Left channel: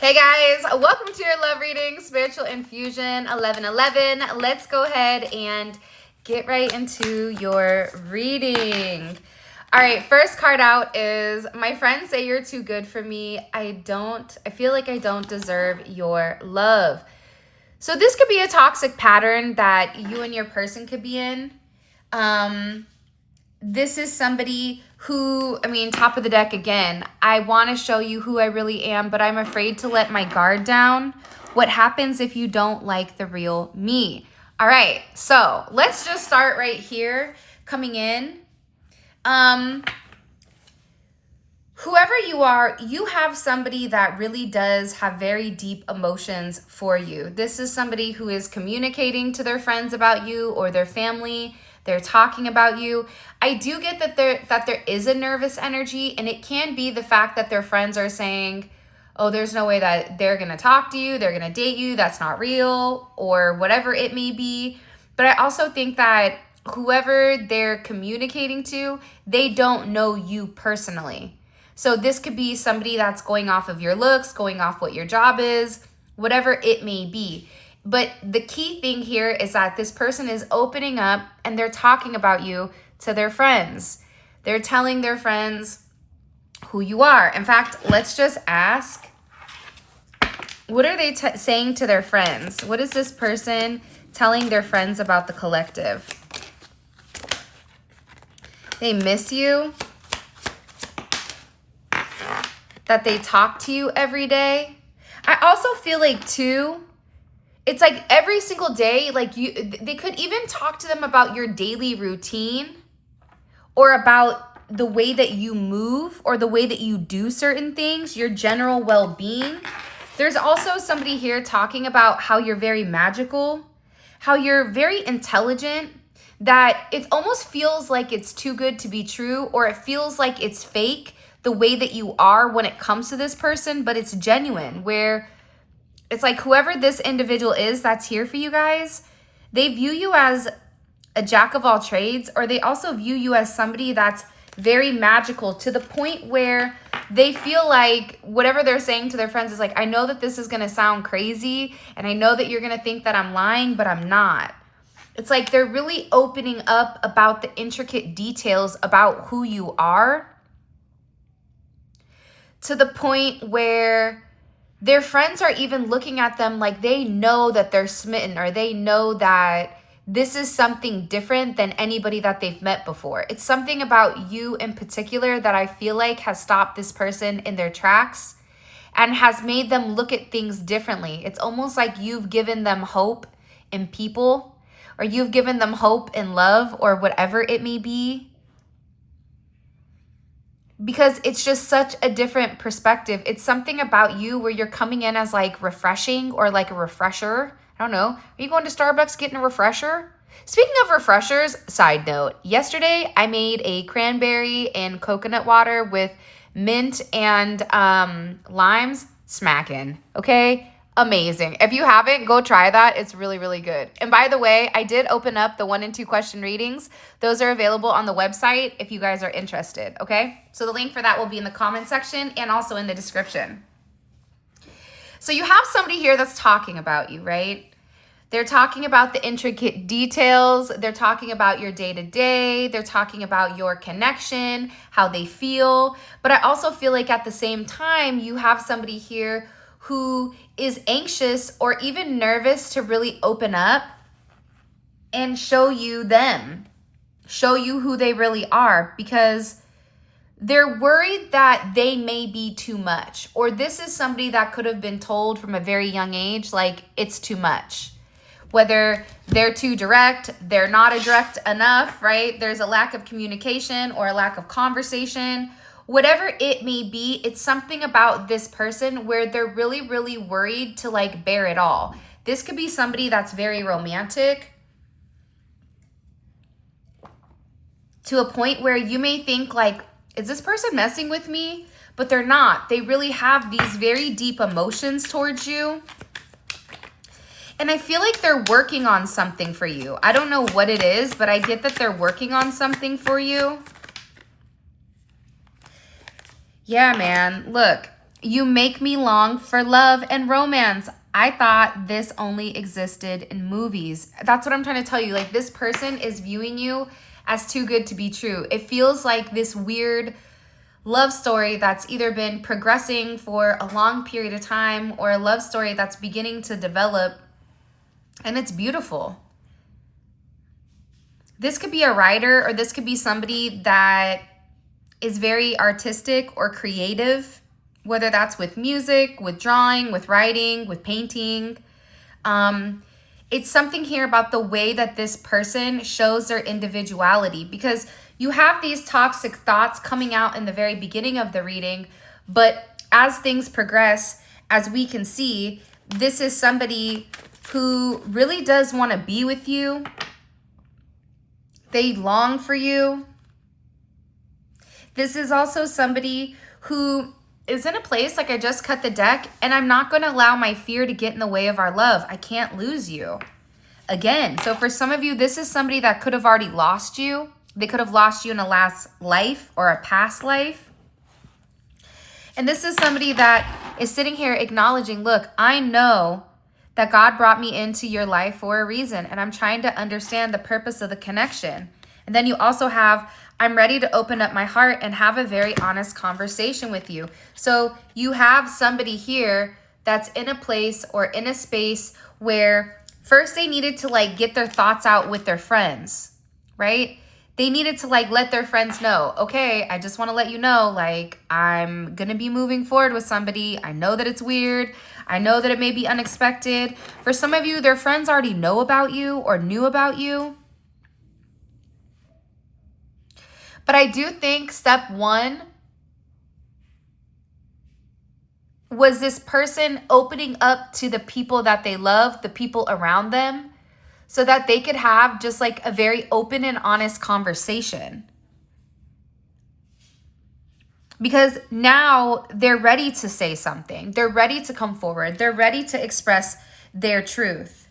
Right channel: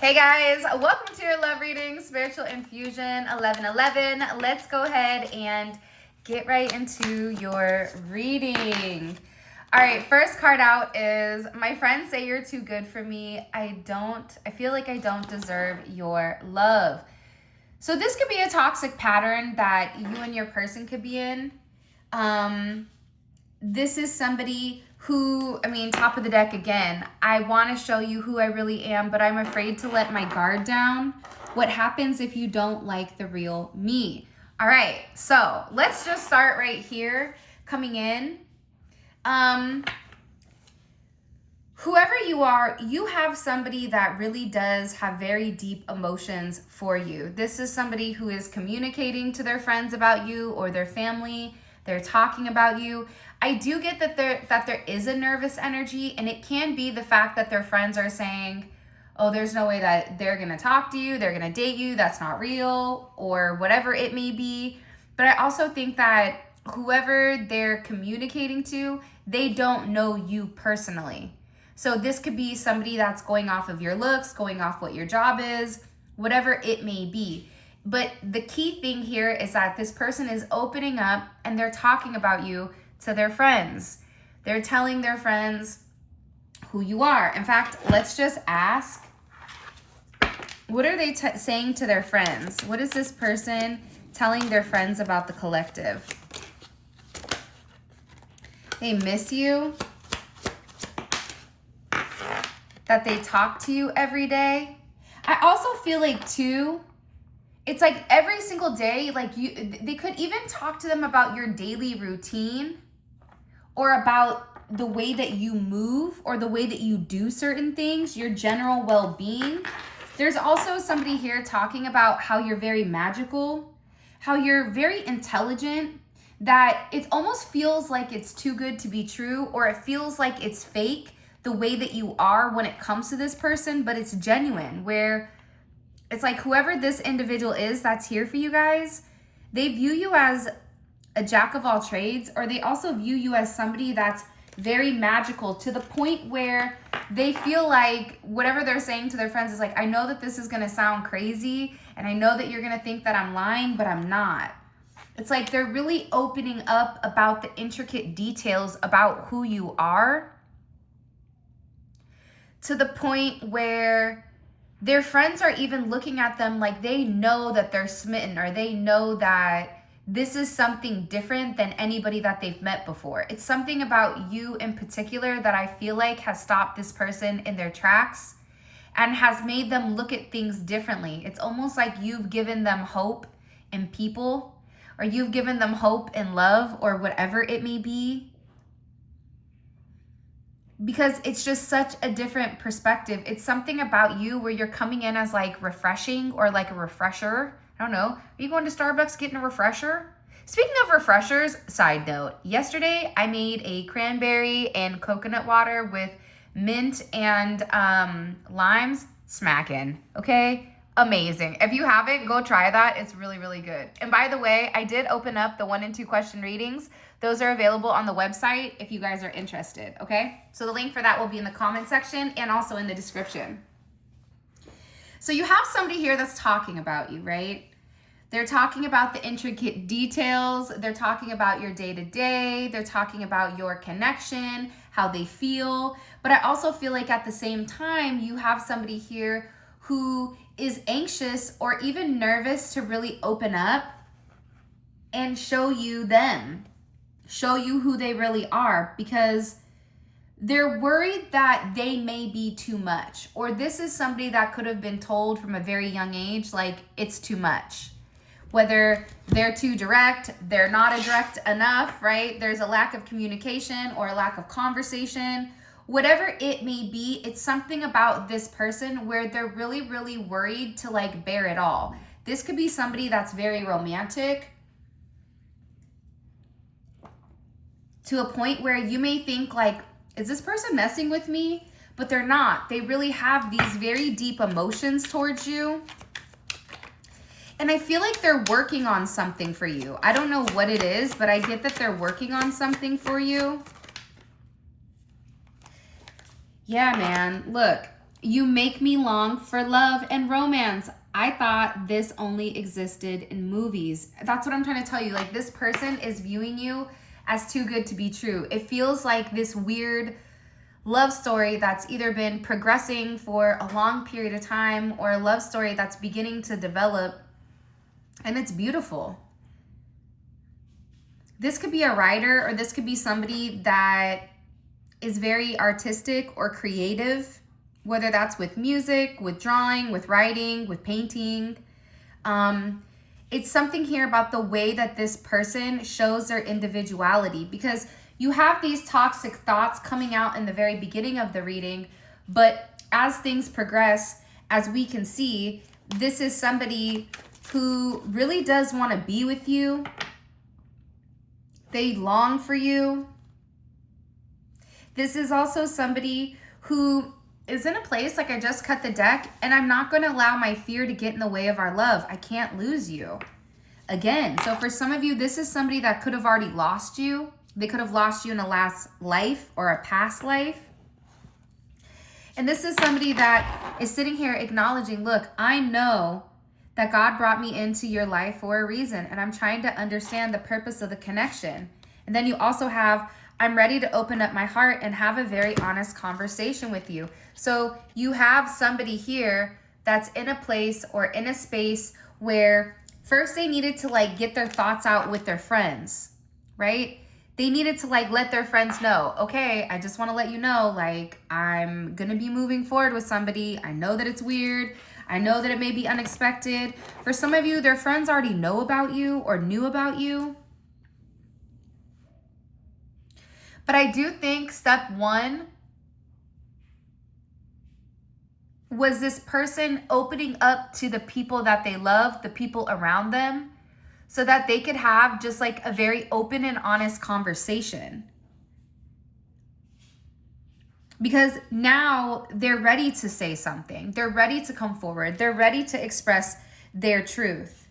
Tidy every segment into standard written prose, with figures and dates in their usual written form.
Hey guys, welcome to your love reading, Spiritual Infusion 1111. Let's go ahead and get right into your reading. All right, first card out is, my friends say you're too good for me. I feel like I don't deserve your love. So this could be a toxic pattern that you and your person could be in. This is somebody who, top of the deck again, I want to show you who I really am, but I'm afraid to let my guard down. What happens if you don't like the real me? All right, so let's just start right here, coming in. Whoever you are, you have somebody that really does have very deep emotions for you. This is somebody who is communicating to their friends about you or their family. They're talking about you. I do get that there is a nervous energy, and it can be the fact that their friends are saying, oh, there's no way that they're going to talk to you, they're going to date you, that's not real, or whatever it may be. But I also think that whoever they're communicating to, they don't know you personally. So this could be somebody that's going off of your looks, going off what your job is, whatever it may be. But the key thing here is that this person is opening up and they're talking about you to their friends. They're telling their friends who you are. In fact, let's just ask, what are they saying to their friends? What is this person telling their friends about the collective? They miss you. That they talk to you every day. I also feel like too, it's like every single day, like they could even talk to them about your daily routine or about the way that you move or the way that you do certain things, your general well-being. There's also somebody here talking about how you're very magical, how you're very intelligent, that it almost feels like it's too good to be true, or it feels like it's fake, the way that you are when it comes to this person, but it's genuine, where it's like whoever this individual is that's here for you guys, they view you as a jack of all trades, or they also view you as somebody that's very magical to the point where they feel like whatever they're saying to their friends is like, I know that this is going to sound crazy, and I know that you're going to think that I'm lying, but I'm not. It's like they're really opening up about the intricate details about who you are, to the point where their friends are even looking at them like they know that they're smitten, or they know that this is something different than anybody that they've met before. It's something about you in particular that I feel like has stopped this person in their tracks and has made them look at things differently. It's almost like you've given them hope in people, or you've given them hope in love, or whatever it may be. Because it's just such a different perspective. It's something about you where you're coming in as like refreshing, or like a refresher. I don't know. Are you going to Starbucks getting a refresher? Speaking of refreshers, side note, yesterday I made a cranberry and coconut water with mint and limes. Smacking, okay? Amazing. If you haven't, go try that. It's really, really good. And by the way, I did open up the 1 and 2 question readings. Those are available on the website if you guys are interested, okay? So the link for that will be in the comment section and also in the description. So you have somebody here that's talking about you, right? They're talking about the intricate details. They're talking about your day-to-day. They're talking about your connection, how they feel. But I also feel like at the same time, you have somebody here who is anxious or even nervous to really open up and show you them, show you who they really are, because they're worried that they may be too much, or this is somebody that could have been told from a very young age, like it's too much. Whether they're too direct, they're not direct enough, right? There's a lack of communication or a lack of conversation. Whatever it may be, it's something about this person where they're really, really worried to like bear it all. This could be somebody that's very romantic, to a point where you may think like, is this person messing with me? But they're not. They really have these very deep emotions towards you. And I feel like they're working on something for you. I don't know what it is, but I get that they're working on something for you. Yeah, man. Look, You make me long for love and romance. I thought this only existed in movies. That's what I'm trying to tell you. Like, this person is viewing you as too good to be true. It feels like this weird love story that's either been progressing for a long period of time or a love story that's beginning to develop, and it's beautiful. This could be a writer, or this could be somebody that is very artistic or creative, whether that's with music, with drawing, with writing, with painting. It's something here about the way that this person shows their individuality, because you have these toxic thoughts coming out in the very beginning of the reading, but as things progress, as we can see, this is somebody who really does want to be with you. They long for you. This is also somebody who is in a place, like I just cut the deck, and I'm not going to allow my fear to get in the way of our love. I can't lose you. Again, so for some of you, this is somebody that could have already lost you. They could have lost you in a last life or a past life. And this is somebody that is sitting here acknowledging, look, I know that God brought me into your life for a reason, and I'm trying to understand the purpose of the connection. And then you also have, I'm ready to open up my heart and have a very honest conversation with you. So you have somebody here that's in a place or in a space where first they needed to like get their thoughts out with their friends, right? They needed to like let their friends know, okay, I just want to let you know, like, I'm going to be moving forward with somebody. I know that it's weird. I know that it may be unexpected. For some of you, their friends already know about you or knew about you. But I do think step one was this person opening up to the people that they love, the people around them, so that they could have just like a very open and honest conversation. Because now they're ready to say something. They're ready to come forward. They're ready to express their truth.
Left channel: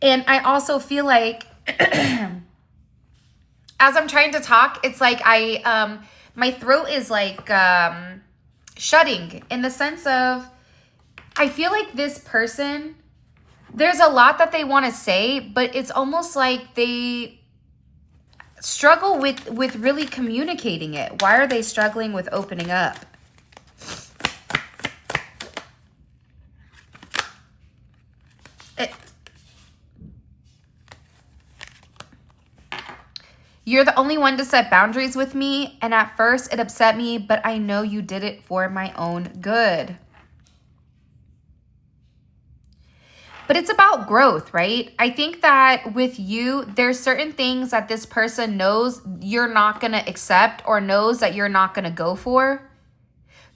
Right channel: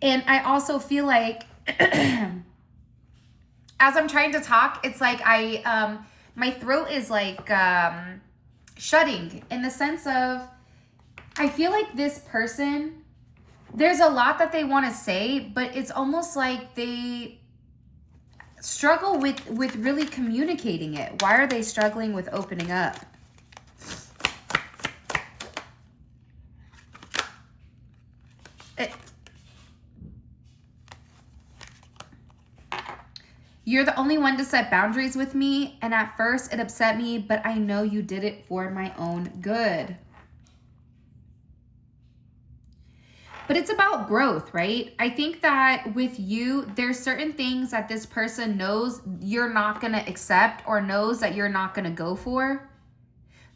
And I also feel like as I'm trying to talk, it's like my throat is like shutting, in the sense of, I feel like this person, there's a lot that they want to say, but it's almost like they struggle with really communicating it. Why are they struggling with opening up? You're the only one to set boundaries with me, and at first it upset me, but I know you did it for my own good. But it's about growth, right? I think that with you, there's certain things that this person knows you're not going to accept, or knows that you're not going to go for,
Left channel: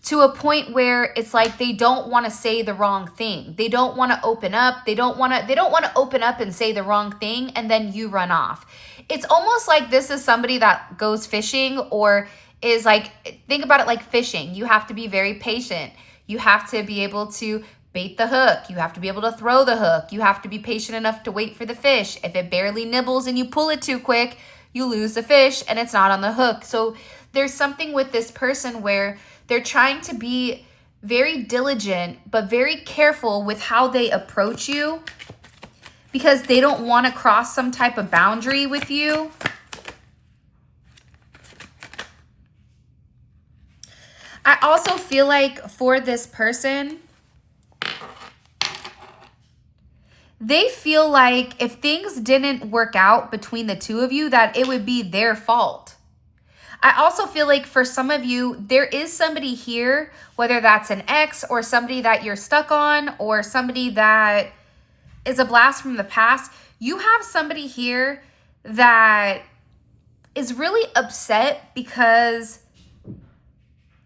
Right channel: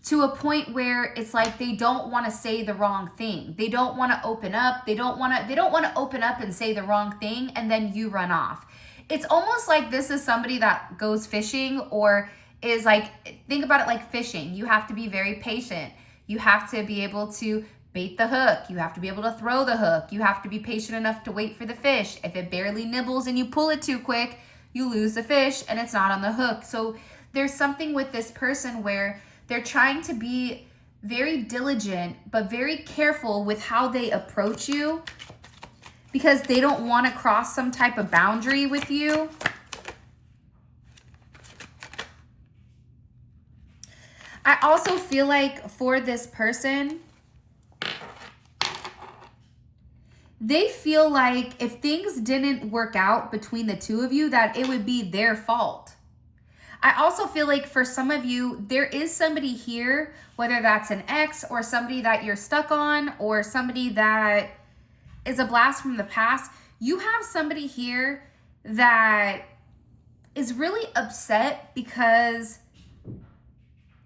to a point where it's like they don't want to say the wrong thing. They don't want to open up. They don't want to open up and say the wrong thing, and then you run off. It's almost like this is somebody that goes fishing, or is like, think about it like fishing. You have to be very patient. You have to be able to bait the hook. You have to be able to throw the hook. You have to be patient enough to wait for the fish. If it barely nibbles and you pull it too quick, you lose the fish and it's not on the hook. So there's something with this person where they're trying to be very diligent, but very careful with how they approach you, because they don't want to cross some type of boundary with you. I also feel like for this person, they feel like if things didn't work out between the two of you, that it would be their fault. I also feel like for some of you, there is somebody here, whether that's an ex or somebody that you're stuck on, or somebody that is a blast from the past. You have somebody here that is really upset because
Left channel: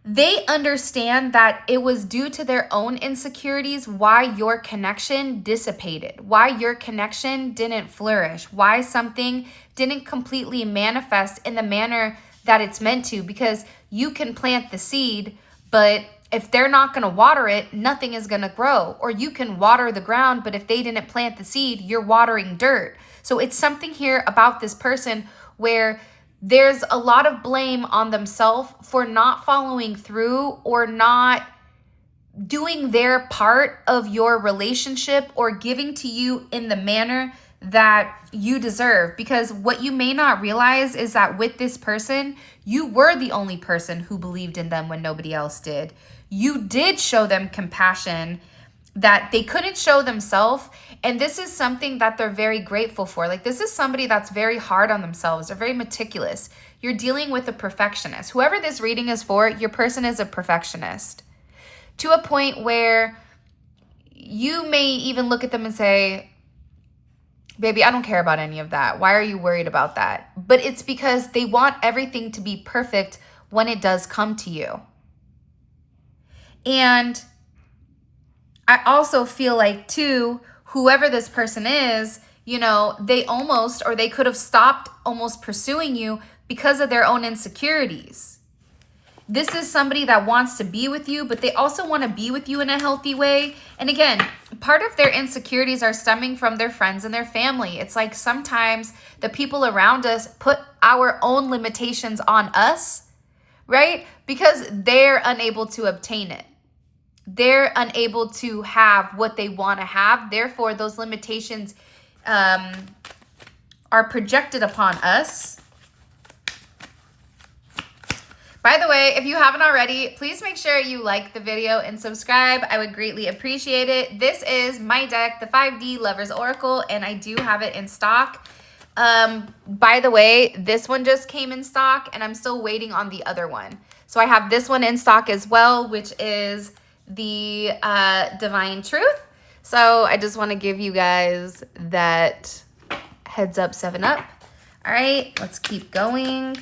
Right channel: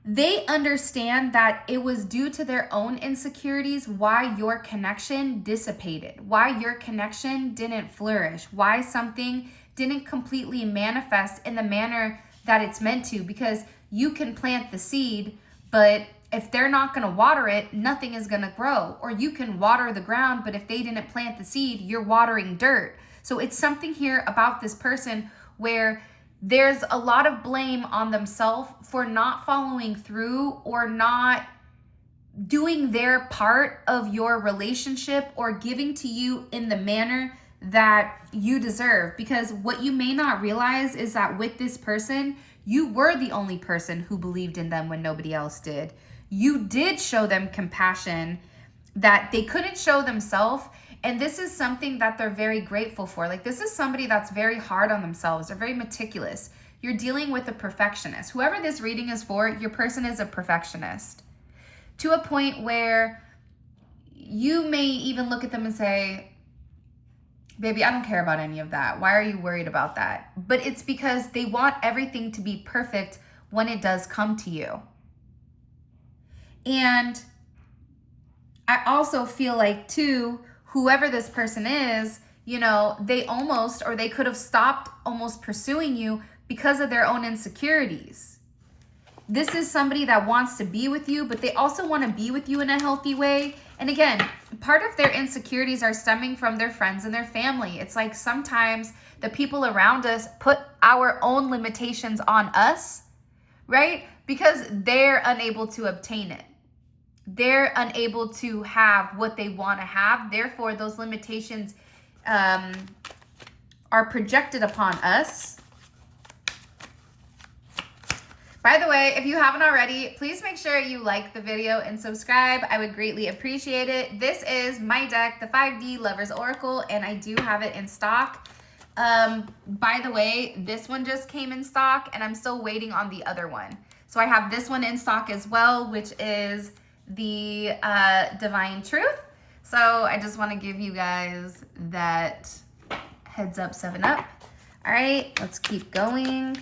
they understand that it was due to their own insecurities why your connection dissipated, why your connection didn't flourish, why something didn't completely manifest in the manner that it's meant to, because you can plant the seed, but if they're not going to water it, nothing is going to grow. Or you can water the ground, but if they didn't plant the seed, you're watering dirt. So it's something here about this person where there's a lot of blame on themselves for not following through or not doing their part of your relationship or giving to you in the manner that you deserve. Because what you may not realize is that with this person, you were the only person who believed in them when nobody else did. You did show them compassion that they couldn't show themselves. And this is something that they're very grateful for. Like, this is somebody that's very hard on themselves. They're very meticulous. You're dealing with a perfectionist. Whoever this reading is for, your person is a perfectionist, to a point where you may even look at them and say, baby, I don't care about any of that. Why are you worried about that? But it's because they want everything to be perfect when it does come to you. And I also feel like, too, whoever this person is, you know, they almost, or they could have stopped almost pursuing you because of their own insecurities. This is somebody that wants to be with you, but they also want to be with you in a healthy way. And again, part of their insecurities are stemming from their friends and their family. It's like sometimes the people around us put our own limitations on us, right? Because they're unable to obtain it. They're unable to have what they want to have. Therefore, those limitations are projected upon us. By the way, if you haven't already, please make sure you like the video and subscribe. I would greatly appreciate it. This is my deck, the 5D Lovers Oracle, and I do have it in stock. By the way, this one just came in stock, and I'm still waiting on the other one. So I have this one in stock as well, which is the Divine Truth. So I just want to give you guys that heads up, 7-Up. All right, let's keep going.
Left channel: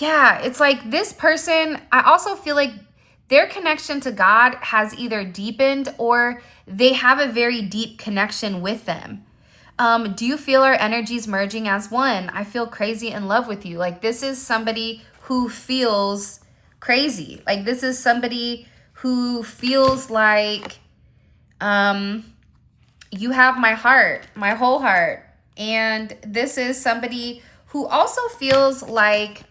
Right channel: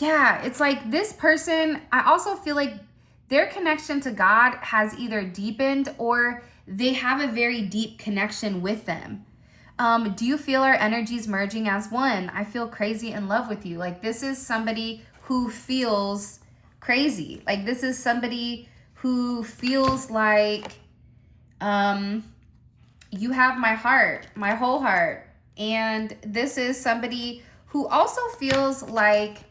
Yeah, it's like this person, I also feel like their connection to God has either deepened or they have a very deep connection with them. Do you feel our energies merging as one? I feel crazy in love with you. Like, this is somebody who feels crazy. Like, this is somebody who feels like you have my heart, my whole heart. And this is somebody who also feels like,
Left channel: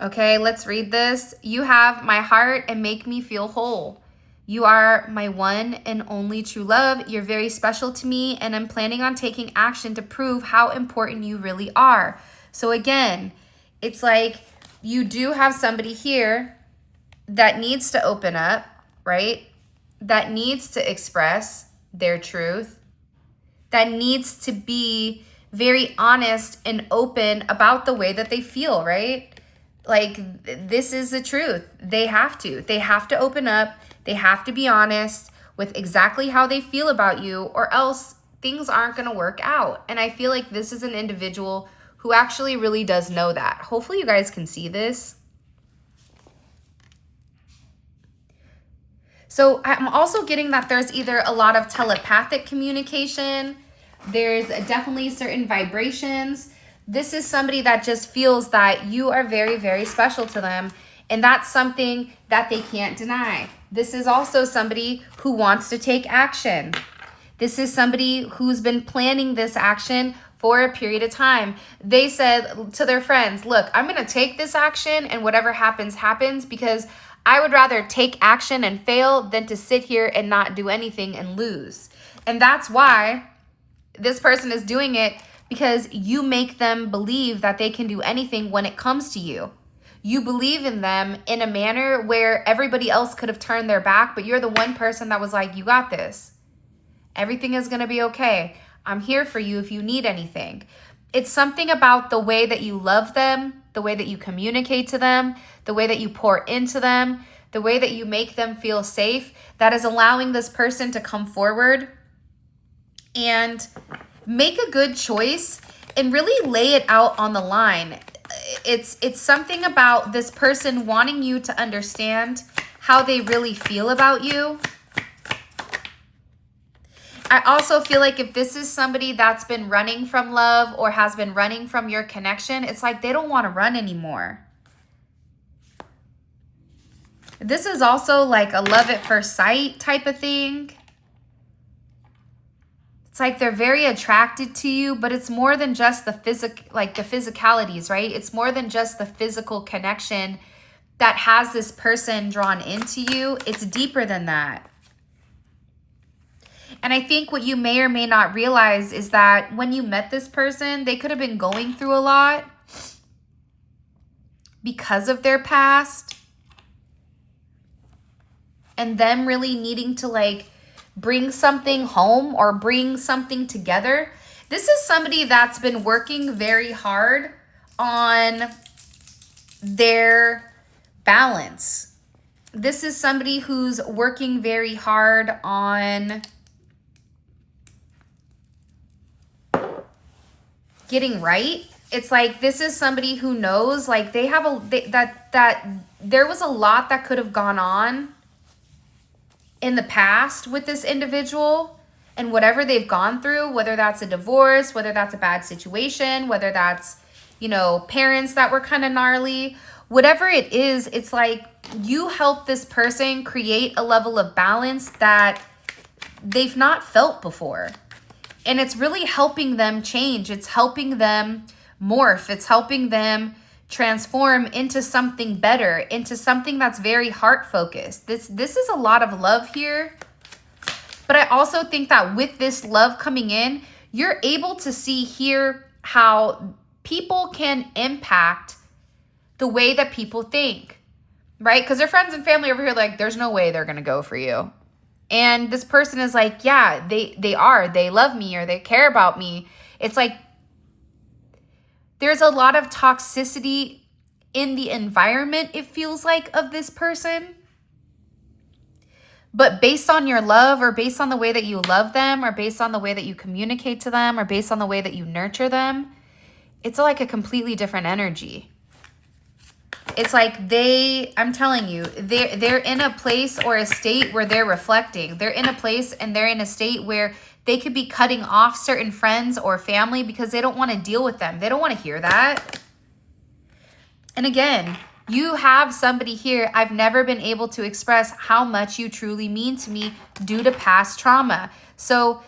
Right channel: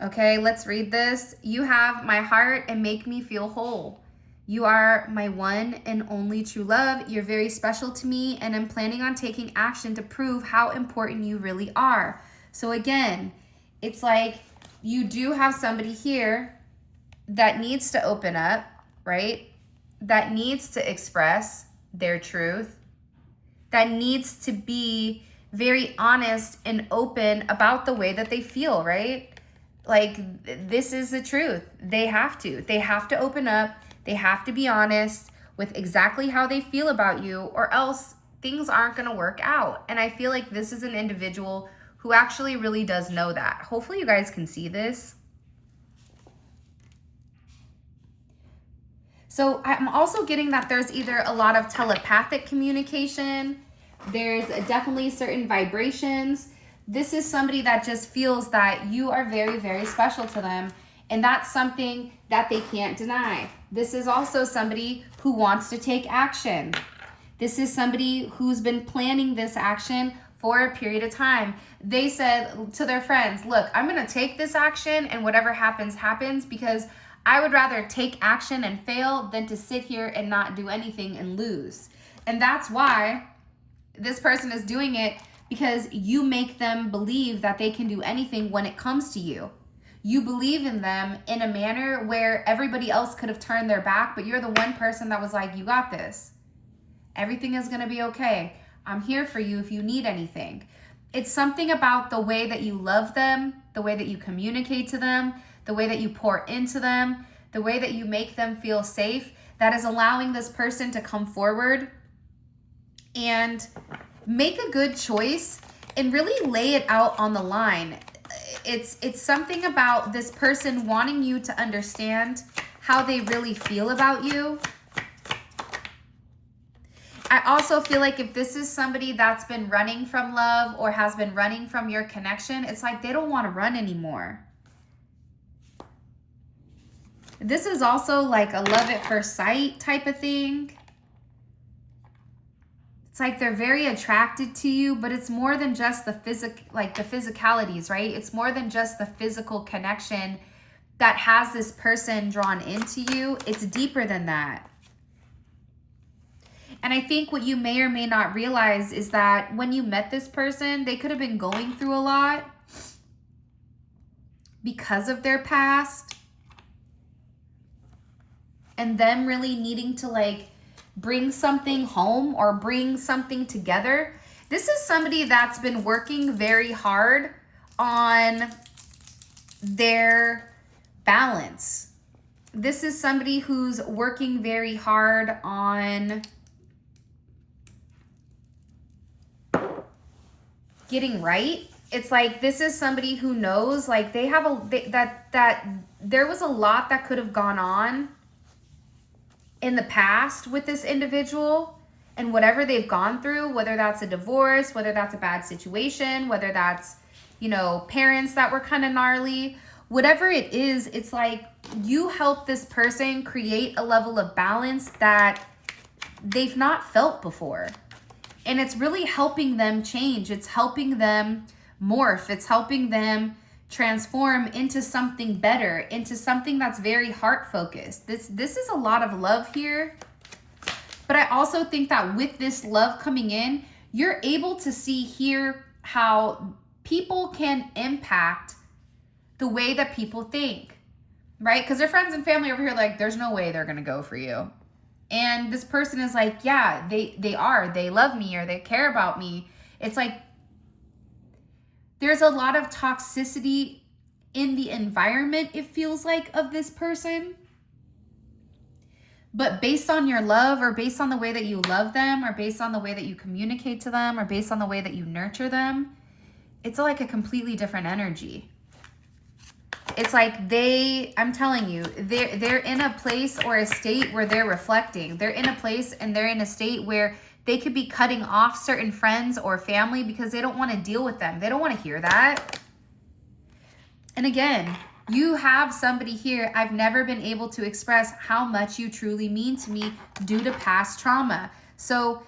okay, let's read this. You have my heart and make me feel whole. You are my one and only true love. You're very special to me, and I'm planning on taking action to prove how important you really are. So again, it's like you do have somebody here that needs to open up, right? That needs to express their truth, that needs to be very honest and open about the way that they feel, right? Like, this is the truth. They have to open up. They have to be honest with exactly how they feel about you, or else things aren't going to work out. And I feel like this is an individual who actually really does know that. Hopefully you guys can see this. So I'm also getting that there's either a lot of telepathic communication. There's definitely certain vibrations. This is somebody that just feels that you are very, very special to them. And that's something that they can't deny. This is also somebody who wants to take action. This is somebody who's been planning this action for a period of time. They said to their friends, look, I'm going to take this action, and whatever happens, happens, because I would rather take action and fail than to sit here and not do anything and lose. And that's why this person is doing it, because you make them believe that they can do anything when it comes to you. You believe in them in a manner where everybody else could have turned their back, but you're the one person that was like, you got this. Everything is going to be okay. I'm here for you if you need anything. It's something about the way that you love them, the way that you communicate to them, the way that you pour into them, the way that you make them feel safe, that is allowing this person to come forward and make a good choice and really lay it out on the line. It's something about this person wanting you to understand how they really feel about you. I also feel like if this is somebody that's been running from love or has been running from your connection, it's like they don't want to run anymore. This is also like a love at first sight type of thing. It's like they're very attracted to you, but it's more than just the physicalities, right? It's more than just the physical connection that has this person drawn into you. It's deeper than that. And I think what you may or may not realize is that when you met this person, they could have been going through a lot because of their past, and them really needing to like bring something home or bring something together. This is somebody that's been working very hard on their balance. This is somebody who's working very hard on getting right. It's like this is somebody who knows like they have that there was a lot that could have gone on in the past with this individual, and whatever they've gone through, whether that's a divorce, whether that's a bad situation, whether that's, you know, parents that were kind of gnarly, whatever it is, it's like you help this person create a level of balance that they've not felt before. And it's really helping them change. It's helping them morph. It's helping them transform into something better, into something that's very heart focused. This is a lot of love here. But I also think that with this love coming in, you're able to see here how people can impact the way that people think, right? Because their friends and family over here, like, there's no way they're going to go for you. And this person is like, yeah, they love me or they care about me. It's like, there's a lot of toxicity in the environment, it feels like, of this person. But based on your love, or based on the way that you love them, or based on the way that you communicate to them, or based on the way that you nurture them, it's like a completely different energy. It's like I'm telling you, they're in a place or a state where they're reflecting. They're in a place and they're in a state where they could be cutting off certain friends or family because they don't want to deal with them. They don't want to hear that. And again, you have somebody here. I've never been able to express how much you truly mean to me due to past trauma. So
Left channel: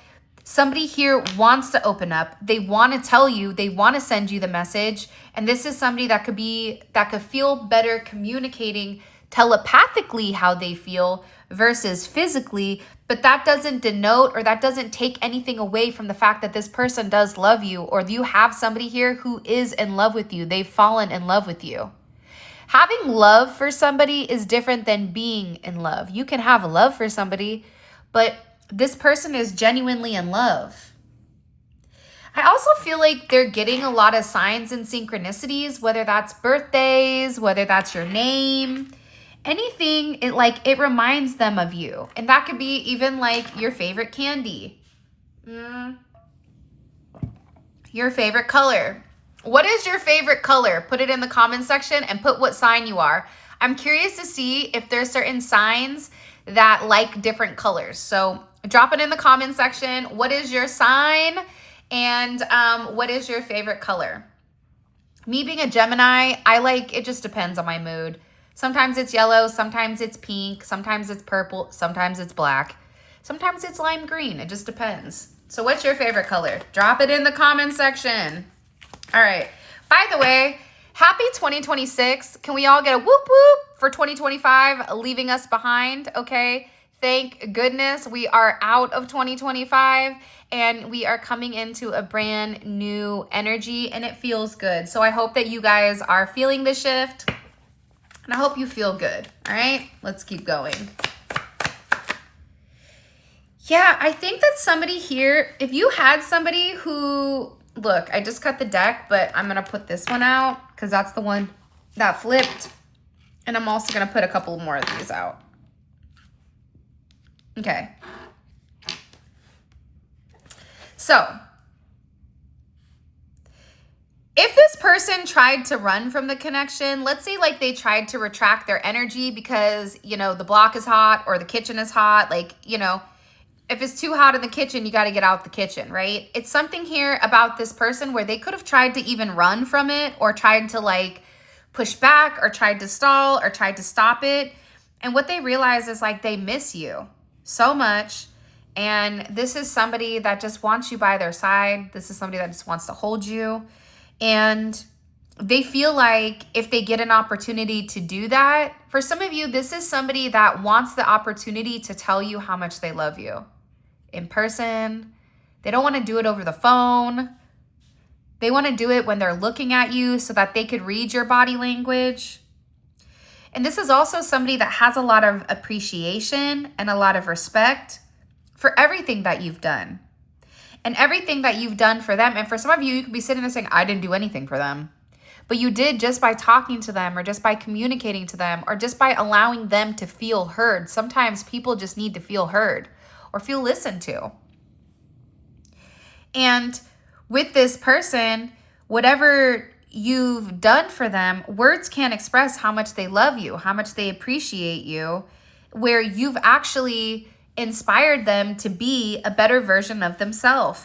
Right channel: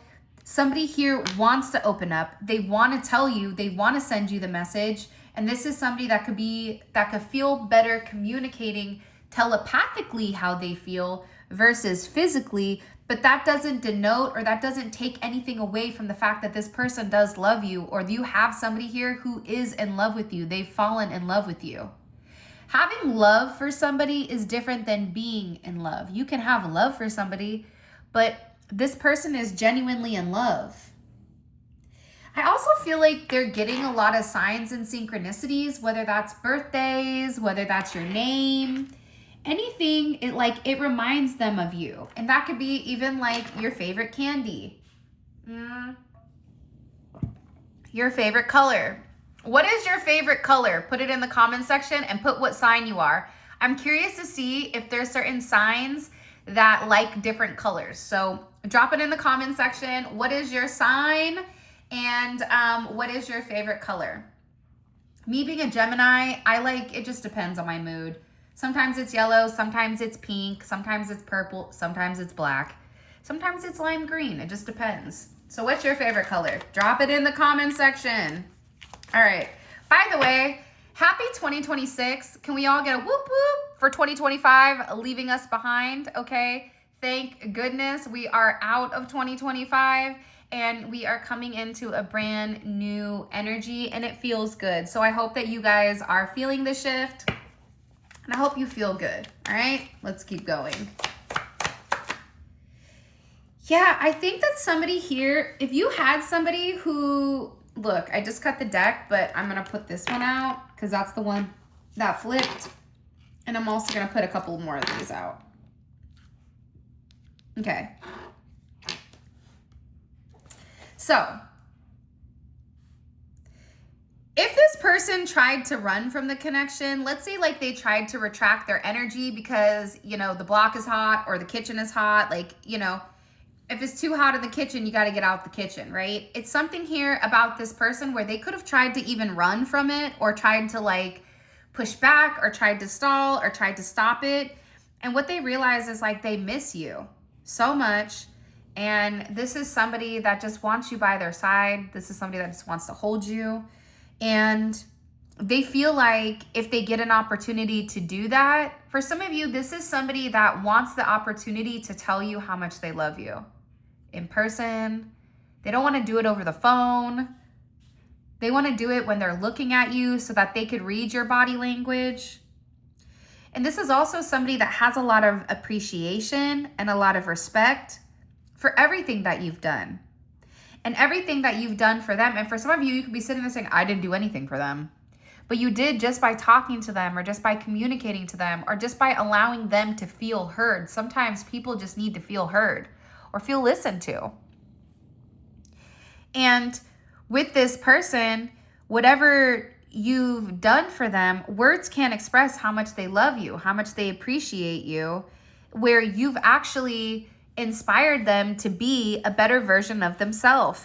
somebody here wants to open up. They want to tell you, they want to send you the message. And this is somebody that could feel better communicating telepathically how they feel versus physically. But that doesn't denote, or that doesn't take anything away from the fact that this person does love you, or you have somebody here who is in love with you. They've fallen in love with you. Having love for somebody is different than being in love. You can have love for somebody, but this person is genuinely in love. I also feel like they're getting a lot of signs and synchronicities, whether that's birthdays, whether that's your name, anything. It reminds them of you. And that could be even like your favorite candy, your favorite color. What is your favorite color? Put it in the comment section and put what sign you are. I'm curious to see if there's certain signs that like different colors. So drop it in the comment section. What is your sign? And what is your favorite color? Me being a Gemini, it just depends on my mood. Sometimes it's yellow, sometimes it's pink, sometimes it's purple, sometimes it's black, sometimes it's lime green. It just depends. So what's your favorite color? Drop it in the comment section. All right. By the way, happy 2026. Can we all get a whoop whoop for 2025 leaving us behind? Okay. Thank goodness we are out of 2025 and we are coming into a brand new energy, and it feels good. So I hope that you guys are feeling the shift, and I hope you feel good. All right, let's keep going. Yeah, I think that somebody here, if you had somebody who, look, I just cut the deck, but I'm going to put this one out because that's the one that flipped. And I'm also going to put a couple more of these out. Okay. So, if this person tried to run from the connection, let's say like they tried to retract their energy because, you know, the block is hot or the kitchen is hot, like, you know, if it's too hot in the kitchen, you got to get out the kitchen, right? It's something here about this person where they could have tried to even run from it, or tried to like push back, or tried to stall, or tried to stop it. And what they realize is like they miss you so much, And this is somebody that just wants you by their side. This is somebody that just wants to hold you. And they feel like if they get an opportunity to do that, for some of you, this is somebody that wants the opportunity to tell you how much they love you in person. They don't want to do it over the phone. They want to do it when they're looking at you so that they could read your body language. And this is also somebody that has a lot of appreciation and a lot of respect for everything that you've done and everything that you've done for them. And for some of you, you could be sitting there saying, I didn't do anything for them. But you did just by talking to them or just by communicating to them or just by allowing them to feel heard. Sometimes people just need to feel heard or feel listened to. And with this person, whatever you've done for them, words can't express how much they love you, how much they appreciate you, where you've actually inspired them to be a better version of themselves.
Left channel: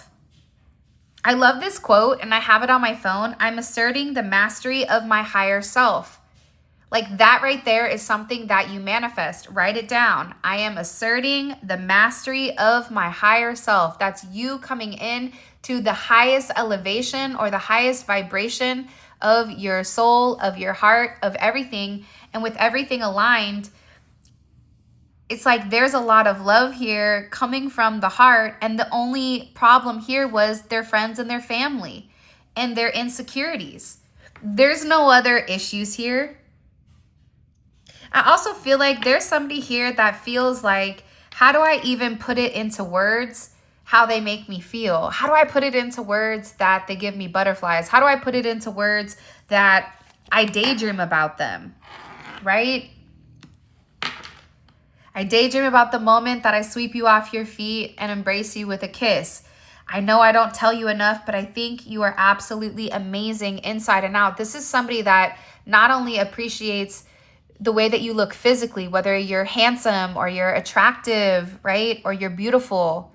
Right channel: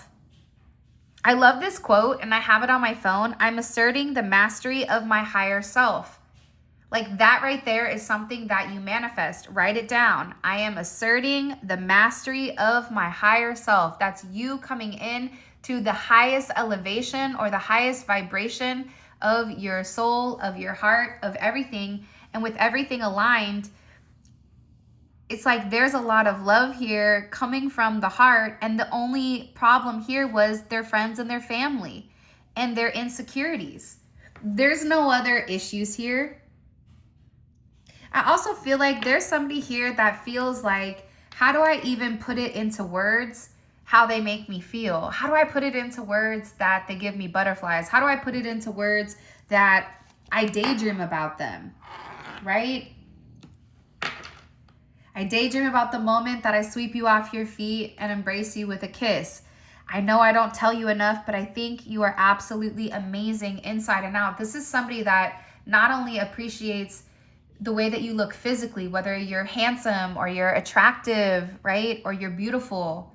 I love this quote and I have it on my phone. I'm asserting the mastery of my higher self. Like that right there is something that you manifest. Write it down. I am asserting the mastery of my higher self. That's you coming in to the highest elevation or the highest vibration of your soul, of your heart, of everything. And with everything aligned, it's like there's a lot of love here coming from the heart. And the only problem here was their friends and their family and their insecurities. There's no other issues here. I also feel like there's somebody here that feels like, how do I even put it into words how they make me feel? How do I put it into words that they give me butterflies? How do I put it into words that I daydream about them, right? I daydream about the moment that I sweep you off your feet and embrace you with a kiss. I know I don't tell you enough, but I think you are absolutely amazing inside and out. This is somebody that not only appreciates the way that you look physically, whether you're handsome or you're attractive, right? Or you're beautiful,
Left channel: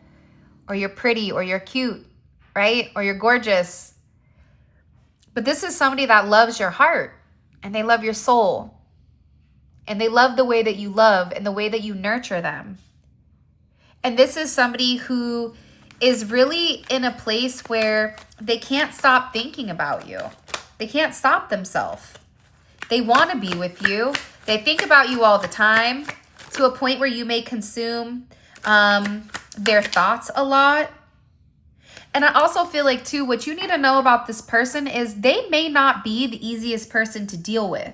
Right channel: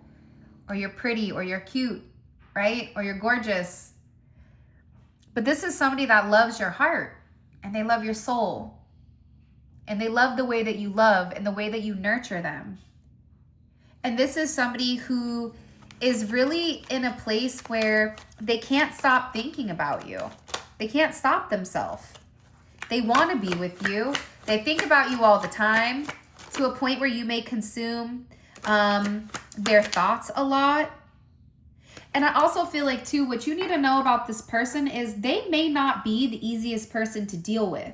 or you're pretty, or you're cute, right? Or you're gorgeous. But this is somebody that loves your heart and they love your soul. And they love the way that you love and the way that you nurture them. And this is somebody who is really in a place where they can't stop thinking about you. They can't stop themselves. They want to be with you. They think about you all the time to a point where you may consume their thoughts a lot. And I also feel like too, what you need to know about this person is they may not be the easiest person to deal with.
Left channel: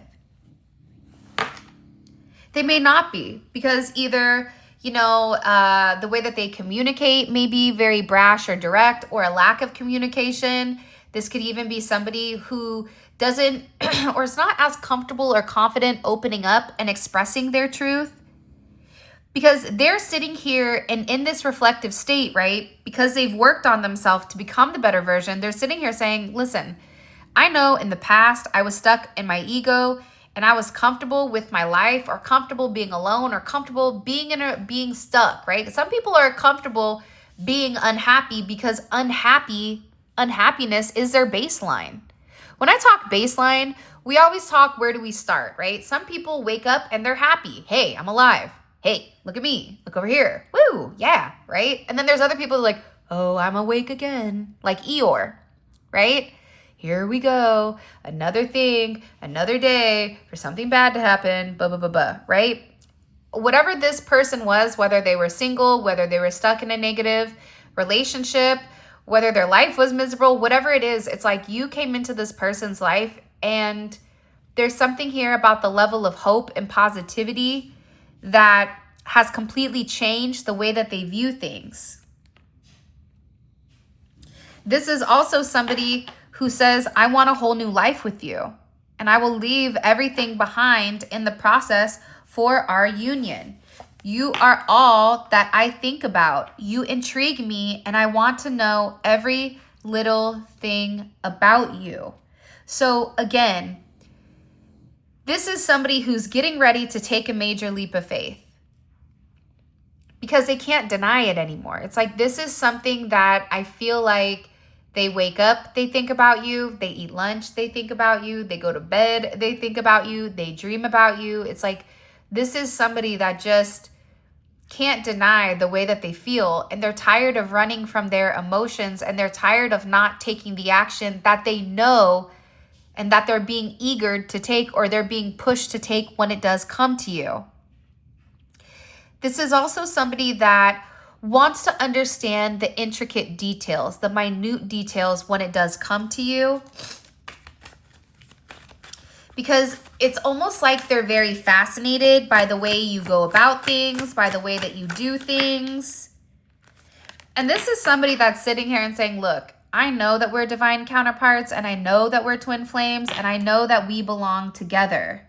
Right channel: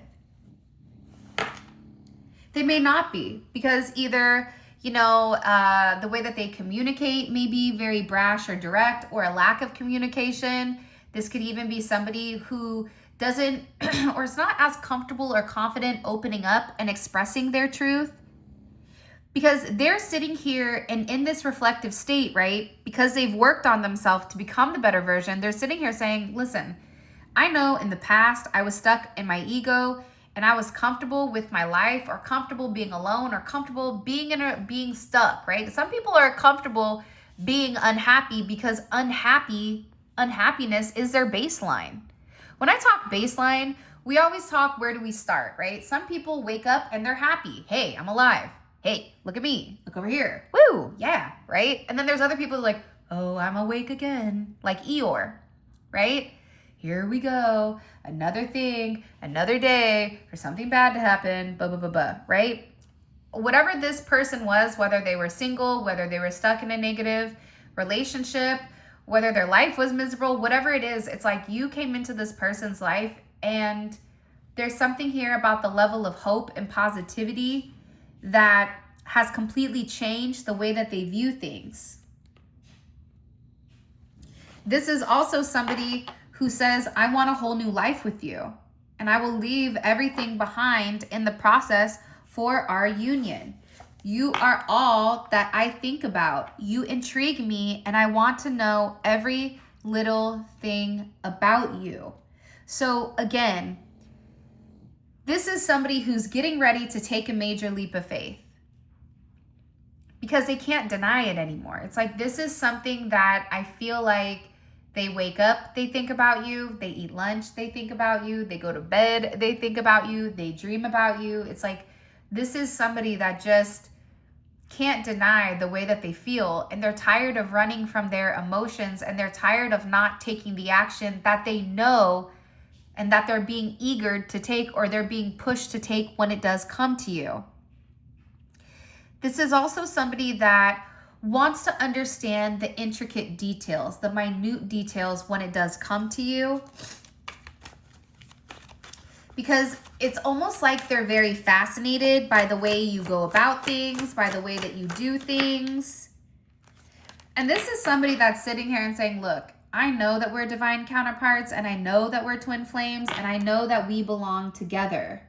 They may not be, because either, the way that they communicate may be very brash or direct, or a lack of communication. This could even be somebody who doesn't or is not as comfortable or confident opening up and expressing their truth, because they're sitting here and in this reflective state, right? Because they've worked on themselves to become the better version. They're sitting here saying, listen, I know in the past I was stuck in my ego and I was comfortable with my life, or comfortable being alone, or comfortable being stuck, right? Some people are comfortable being unhappy because unhappiness is their baseline. When I talk baseline, we always talk, where do we start, right? Some people wake up and they're happy. Hey, I'm alive. Hey, look at me. Look over here. Woo, yeah, right? And then there's other people who are like, oh, I'm awake again. Like Eeyore, right? Here we go. Another thing, another day for something bad to happen, blah, blah, blah, blah, right? Whatever this person was, whether they were single, whether they were stuck in a negative relationship, whether their life was miserable, whatever it is, it's like you came into this person's life and there's something here about the level of hope and positivity that has completely changed the way that they view things. This is also somebody who says, I want a whole new life with you, and I will leave everything behind in the process for our union. You are all that I think about. You intrigue me, and I want to know every little thing about you. So again, this is somebody who's getting ready to take a major leap of faith because they can't deny it anymore. It's like, this is something that I feel like they wake up, they think about you. They eat lunch, they think about you. They go to bed, they think about you. They dream about you. It's like, this is somebody that just can't deny the way that they feel, and they're tired of running from their emotions, and they're tired of not taking the action that they know and that they're being eager to take, or they're being pushed to take when it does come to you. This is also somebody that wants to understand the intricate details, the minute details when it does come to you. Because it's almost like they're very fascinated by the way you go about things, by the way that you do things. And this is somebody that's sitting here and saying, look, I know that we're divine counterparts, and I know that we're twin flames, and I know that we belong together.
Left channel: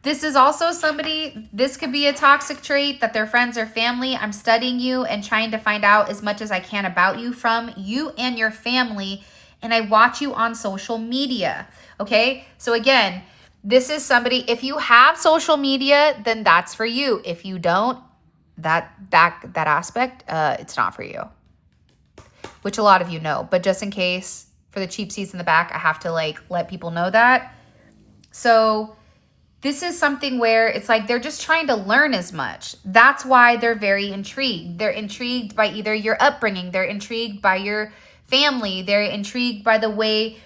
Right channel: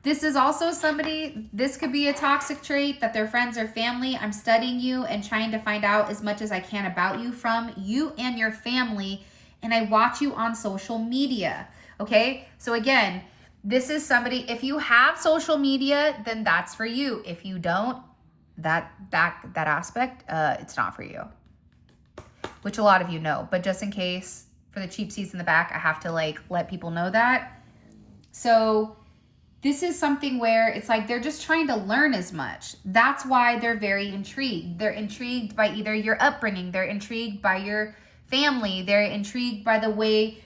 This is also somebody, this could be a toxic trait that their friends or family, I'm studying you and trying to find out as much as I can about you from you and your family, and I watch you on social media, okay? So again, this is somebody, if you have social media, then that's for you. If you don't, that aspect, it's not for you. Which a lot of you know, but just in case, for the cheap seats in the back, I have to like let people know that. So this is something where it's like they're just trying to learn as much. That's why they're very intrigued. They're intrigued by either your upbringing, they're intrigued by your family, they're intrigued by the way,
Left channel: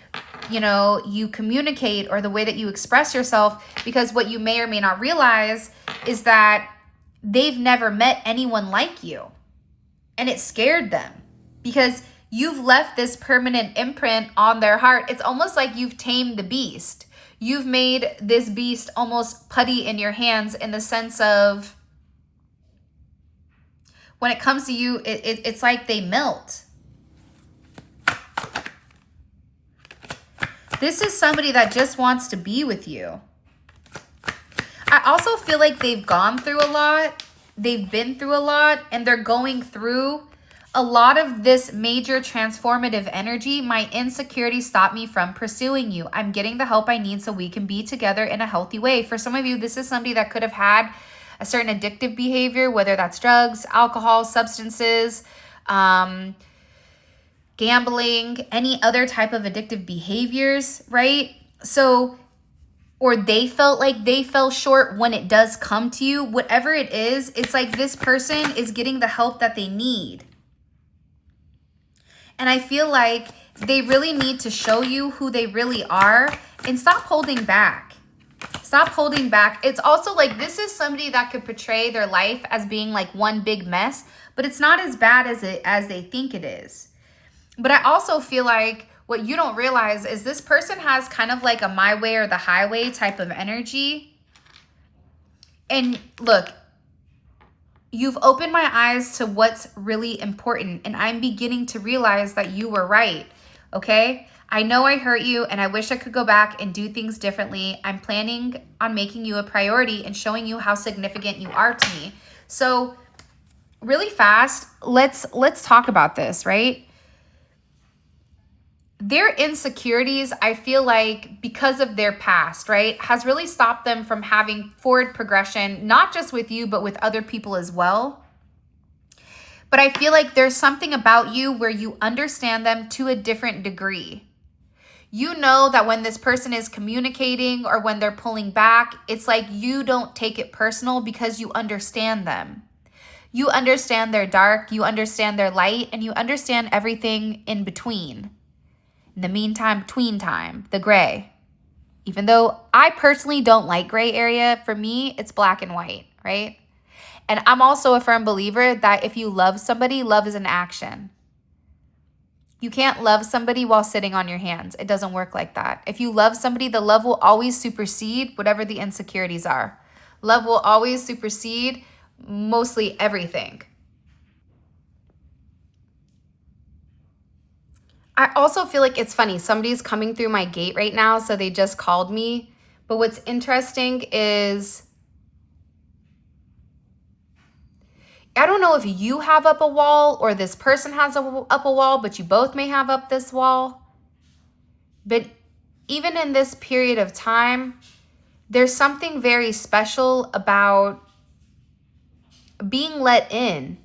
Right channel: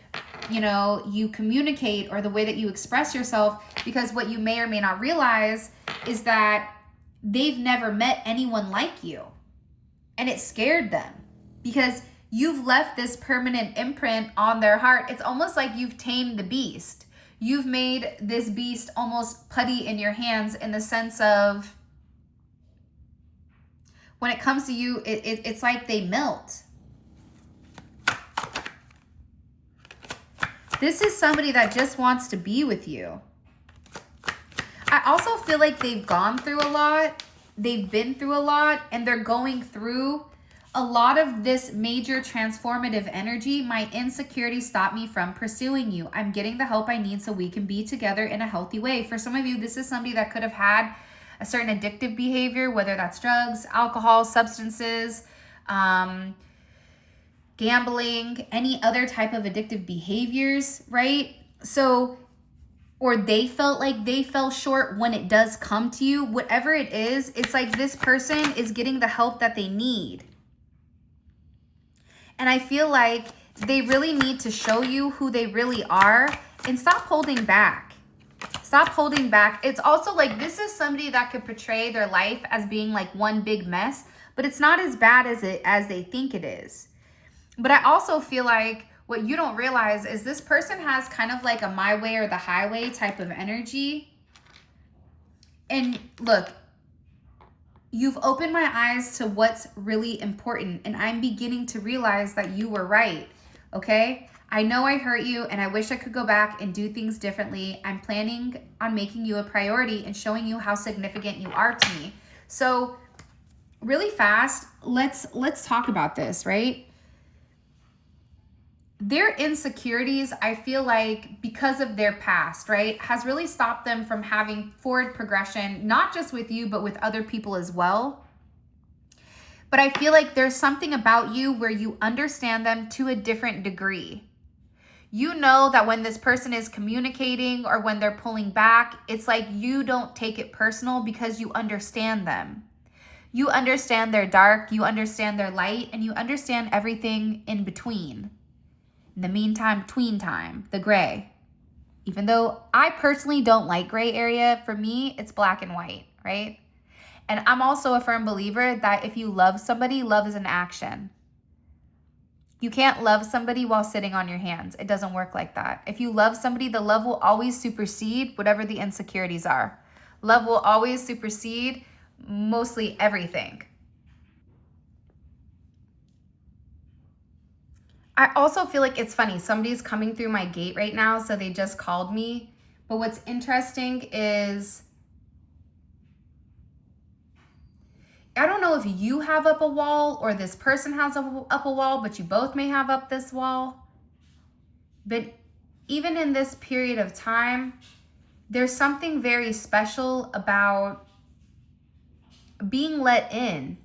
you know, you communicate or the way that you express yourself, because what you may or may not realize is that they've never met anyone like you, and it scared them. Because you've left this permanent imprint on their heart. It's almost like you've tamed the beast. You've made this beast almost putty in your hands, in the sense of when it comes to you, it's like they melt. This is somebody that just wants to be with you. I also feel like they've gone through a lot. They've been through a lot, and they're going through a lot of this major transformative energy. My insecurities stop me from pursuing you. I'm getting the help I need so we can be together in a healthy way. For some of you, this is somebody that could have had a certain addictive behavior, whether that's drugs, alcohol, substances, gambling, any other type of addictive behaviors, right? So, or they felt like they fell short when it does come to you. Whatever it is, it's like this person is getting the help that they need. And I feel like they really need to show you who they really are, and stop holding back. Stop holding back. It's also like this is somebody that could portray their life as being like one big mess, but it's not as bad as they think it is. But I also feel like what you don't realize is this person has kind of like a my way or the highway type of energy. And look, you've opened my eyes to what's really important, and I'm beginning to realize that you were right, okay? I know I hurt you, and I wish I could go back and do things differently. I'm planning on making you a priority and showing you how significant you are to me. So really fast, let's talk about this, right? Their insecurities, I feel like because of their past, right, has really stopped them from having forward progression, not just with you, but with other people as well. But I feel like there's something about you where you understand them to a different degree. You know that when this person is communicating or when they're pulling back, it's like you don't take it personal because you understand them. You understand their dark, you understand their light, and you understand everything in between. In the meantime, between time, the gray. Even though I personally don't like gray area, for me, it's black and white, right? And I'm also a firm believer that if you love somebody, love is an action. You can't love somebody while sitting on your hands. It doesn't work like that. If you love somebody, the love will always supersede whatever the insecurities are. Love will always supersede mostly everything. I also feel like it's funny. Somebody's coming through my gate right now, so they just called me. But what's interesting is, I don't know if you have up a wall or this person has up a wall, but you both may have up this wall. But even in this period of time, there's something very special about being let in.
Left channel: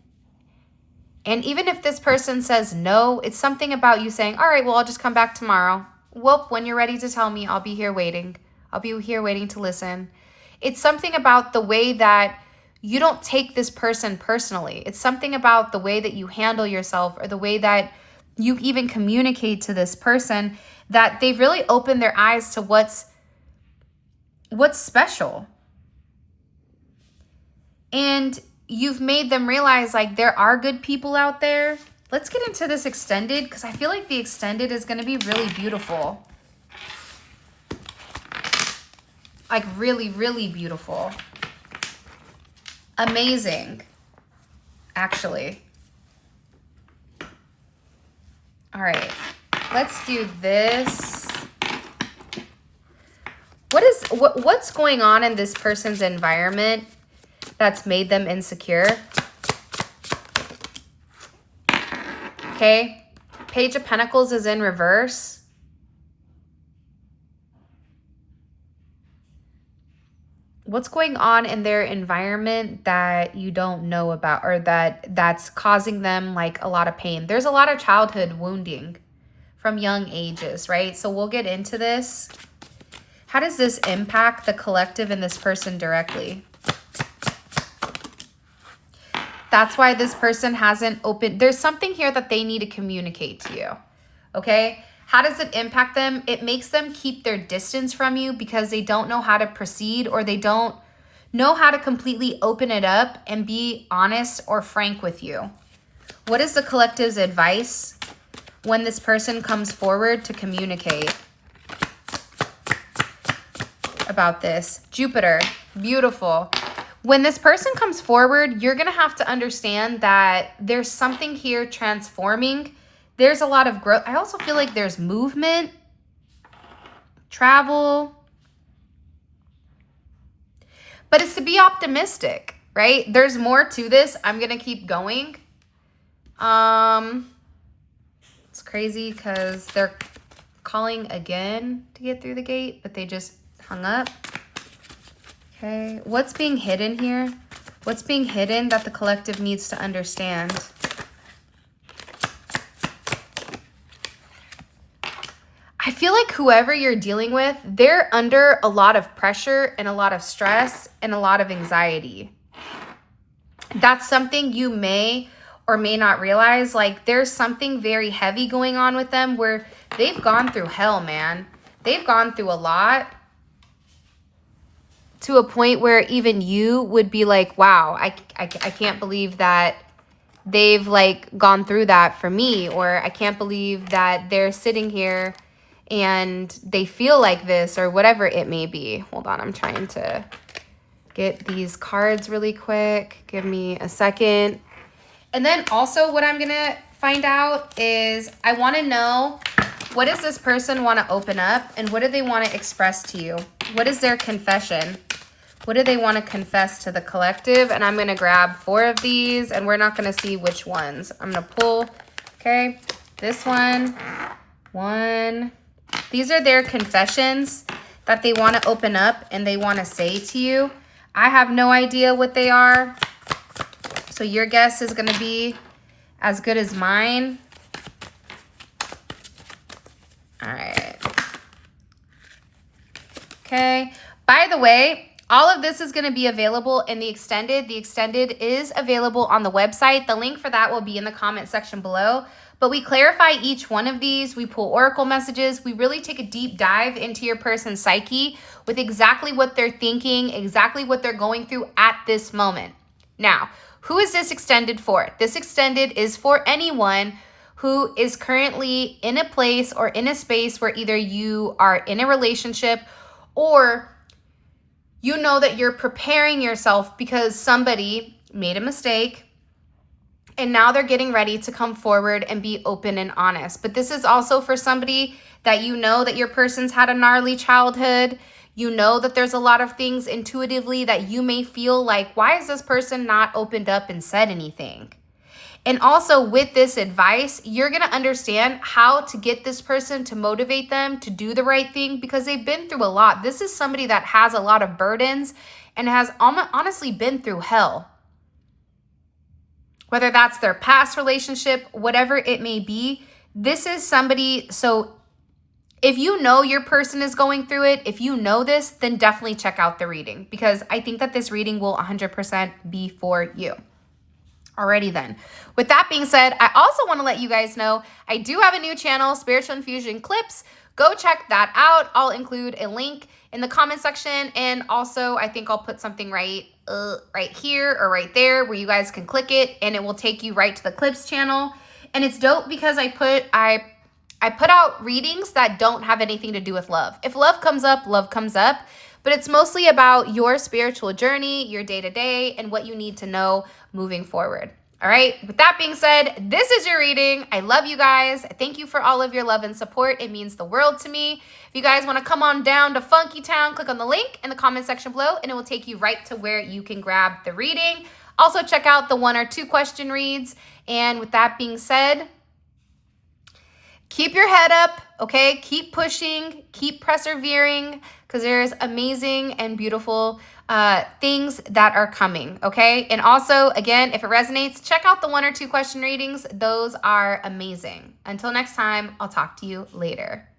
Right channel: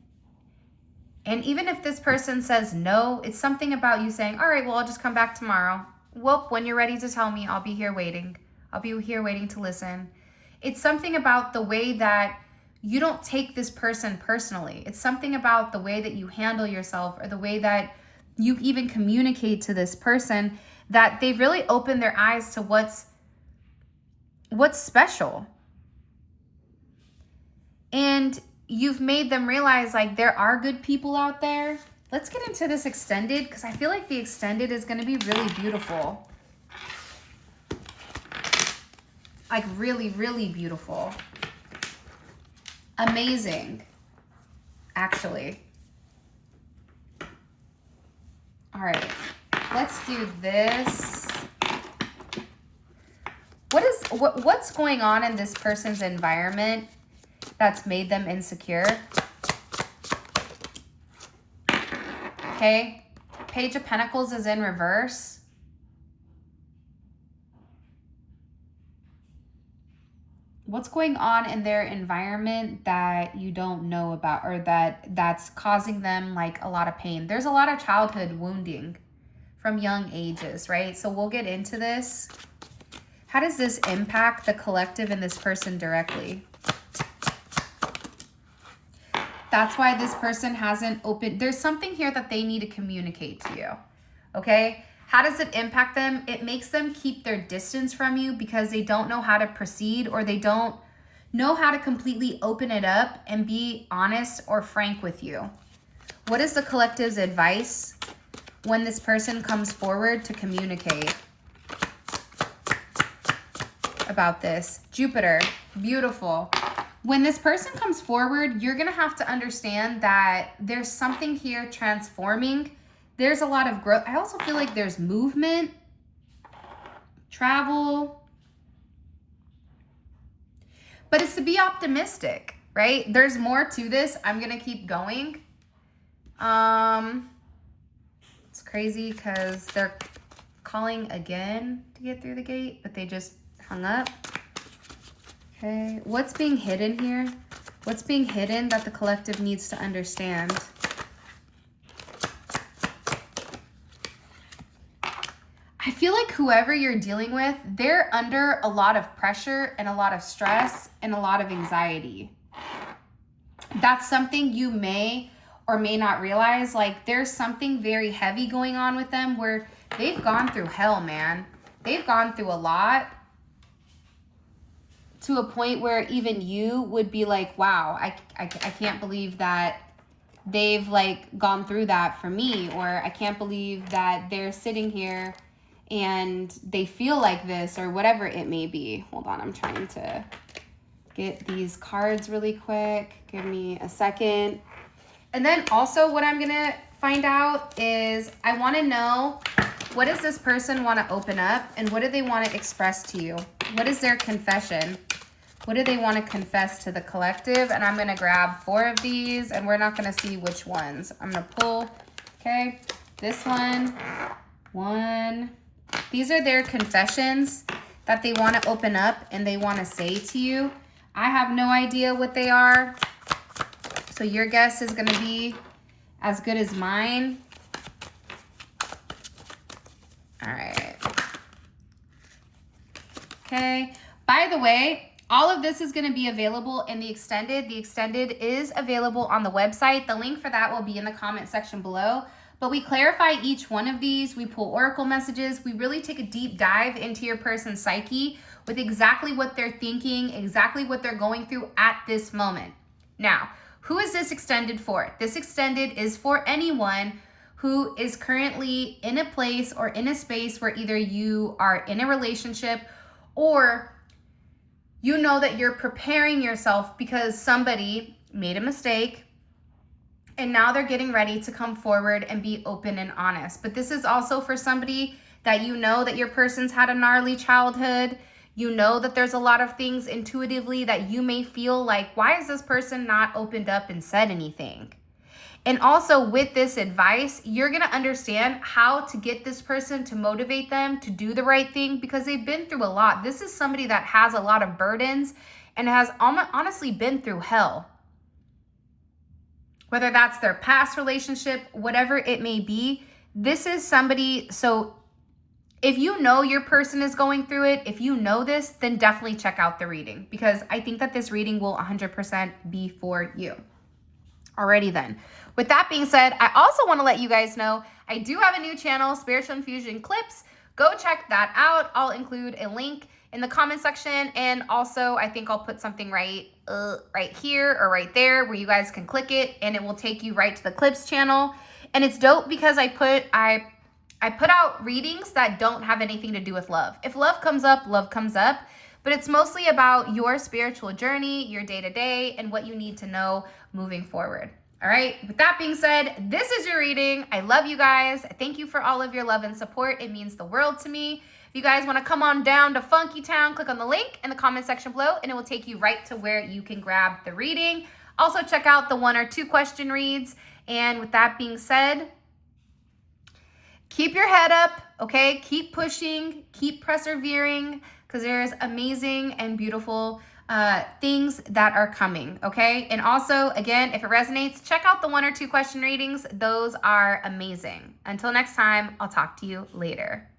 And even if this person says no, it's something about you saying, all right, well, I'll just come back tomorrow. Whoop, when you're ready to tell me, I'll be here waiting. I'll be here waiting to listen. It's something about the way that you don't take this person personally. It's something about the way that you handle yourself or the way that you even communicate to this person that they've really opened their eyes to what's special. And you've made them realize like there are good people out there. Let's get into this extended because I feel like the extended is going to be really beautiful. Like really, really beautiful. Amazing, actually. All right, let's do this. What's going on in this person's environment that's made them insecure? Okay, Page of Pentacles is in reverse. What's going on in their environment that you don't know about, or that's causing them like a lot of pain? There's a lot of childhood wounding from young ages, right? So we'll get into this. How does this impact the collective and this person directly? That's why this person hasn't opened. There's something here that they need to communicate to you, okay? How does it impact them? It makes them keep their distance from you because they don't know how to proceed, or they don't know how to completely open it up and be honest or frank with you. What is the collective's advice when this person comes forward to communicate about this? Jupiter, beautiful. When this person comes forward, you're going to have to understand that there's something here transforming. There's a lot of growth. I also feel like there's movement, travel. But it's to be optimistic, right? There's more to this. I'm going to keep going. It's crazy because they're calling again to get through the gate, but they just hung up. Okay, what's being hidden here? What's being hidden that the collective needs to understand? I feel like whoever you're dealing with, they're under a lot of pressure and a lot of stress and a lot of anxiety. That's something you may or may not realize. Like there's something very heavy going on with them where they've gone through hell, man. They've gone through a lot, to a point where even you would be like, wow, I can't believe that they've like gone through that for me, or I can't believe that they're sitting here and they feel like this, or whatever it may be. Hold on, I'm trying to get these cards really quick. Give me a second. And then also what I'm gonna find out is I wanna know, what does this person wanna open up and what do they wanna express to you? What is their confession? What do they want to confess to the collective? And I'm going to grab 4 of these, and we're not going to see which ones. I'm going to pull, okay, this one. These are their confessions that they want to open up and they want to say to you. I have no idea what they are, so your guess is going to be as good as mine. All right. Okay. By the way, all of this is going to be available in the extended. The extended is available on the website. The link for that will be in the comment section below. But we clarify each one of these. We pull oracle messages. We really take a deep dive into your person's psyche with exactly what they're thinking, exactly what they're going through at this moment. Now, who is this extended for? This extended is for anyone who is currently in a place or in a space where either you are in a relationship or you know that you're preparing yourself because somebody made a mistake and now they're getting ready to come forward and be open and honest. But this is also for somebody that you know that your person's had a gnarly childhood. You know that there's a lot of things intuitively that you may feel like, why is this person not opened up and said anything? And also with this advice, you're going to understand how to get this person to motivate them to do the right thing because they've been through a lot. This is somebody that has a lot of burdens and has honestly been through hell. Whether that's their past relationship, whatever it may be, this is somebody, so If you know your person is going through it, if you know this, then definitely check out the reading, because I think that this reading will 100% be for you. Alrighty then. With that being said, I also want to let you guys know I do have a new channel, Spiritual Infusion Clips. Go check that out. I'll include a link in the comment section, and also I think I'll put something right here or right there where you guys can click it, and it will take you right to the Clips channel. And it's dope because I put out readings that don't have anything to do with love. If love comes up, but it's mostly about your spiritual journey, your day-to-day, and what you need to know moving forward. All right, with that being said, this is your reading. I love you guys. Thank you for all of your love and support. It means the world to me. If you guys want to come on down to Funky Town, click on the link in the comment section below, and it will take you right to where you can grab the reading. Also, check out the 1 or 2 question reads. And with that being said, keep your head up, okay? Keep pushing, keep persevering, because there's amazing and beautiful things that are coming, okay? And also, again, if it resonates, check out the 1 or 2 question readings. Those are amazing. Until next time, I'll talk to you later.